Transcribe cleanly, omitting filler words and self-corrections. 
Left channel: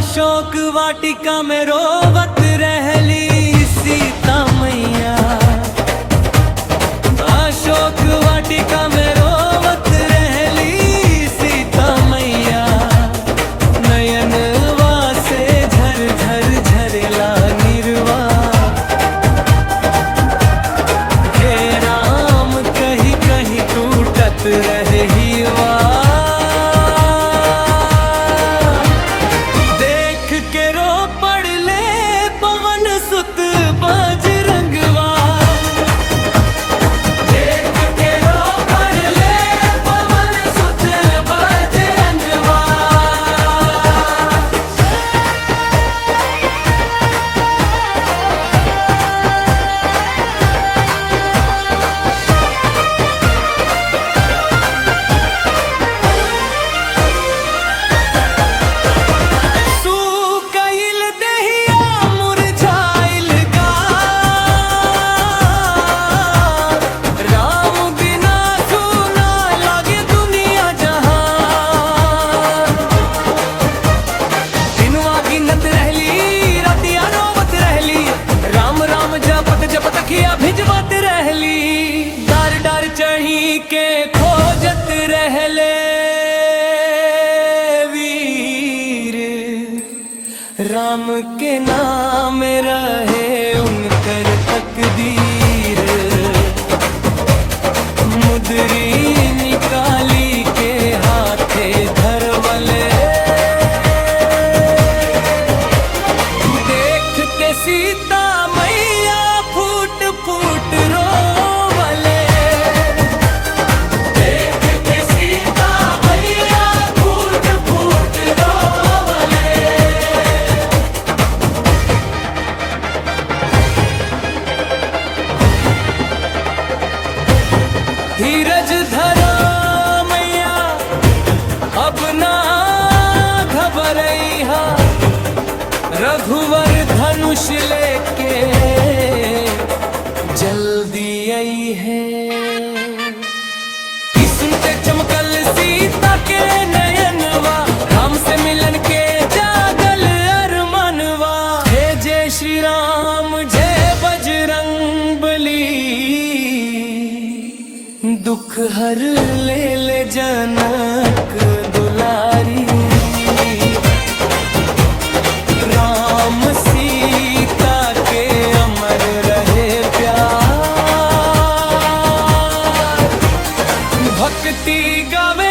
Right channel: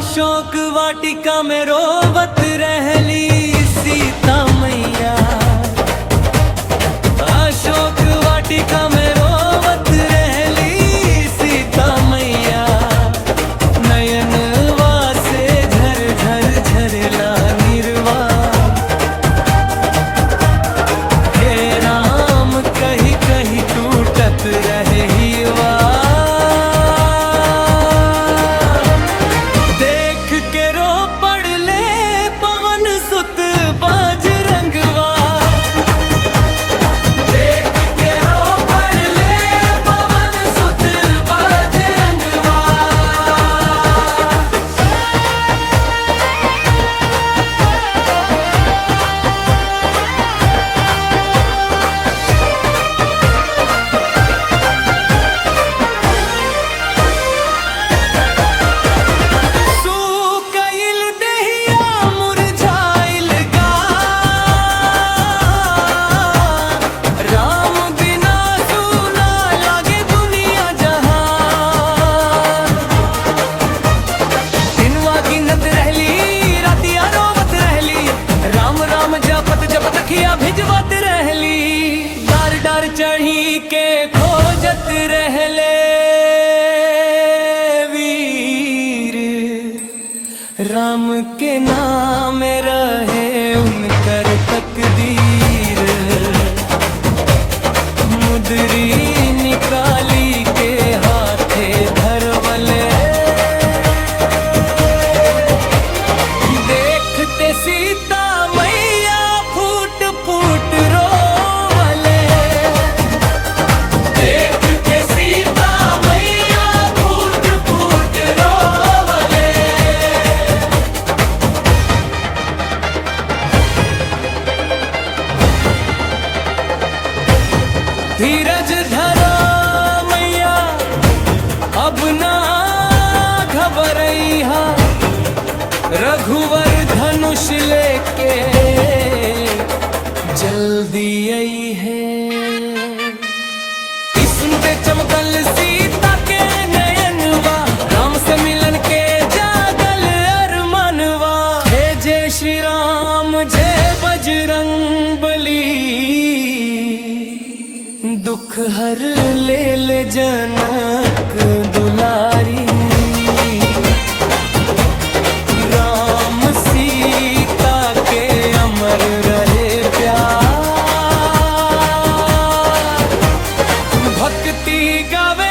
अशोक वाटिका में रोवत रहली सीता मैया। अशोक वाटिका में रोवत रहली सीता मैया। नयनवा से झर झर झरला निर्वा। हे राम कहीं कहीं टूटत रहे हीवा। देख के रो पड़ले पवन सुत बजरंगवा। देख के रो पड़ले पवन सुत बजरंगवा। गिनत रहली रातिया रोवत रहली। राम राम जपत जपत खिया भिजवत रहली। डार डार चढ़ी के खोजत रहले वीर। राम के नाम रहे उनकर तकदीर। मुदरी निकाली के हाथे धरवले। देखते सीता मैया फूट फूट रोवले। देखते सीता मैया फूट फूट रोवले। धीरज धरो मैया अब ना घबरैहा। रघुवर धनुष लेके जल्दी आई है। सुनते चमकल सीता के नयनवा। राम से मिलन के जागल अरमानवा। हे जय श्री राम जय बजरंग बली। दुख हर ले जनक दुलारी। राम सीता के अमर रहे प्यार। भक्ति गावे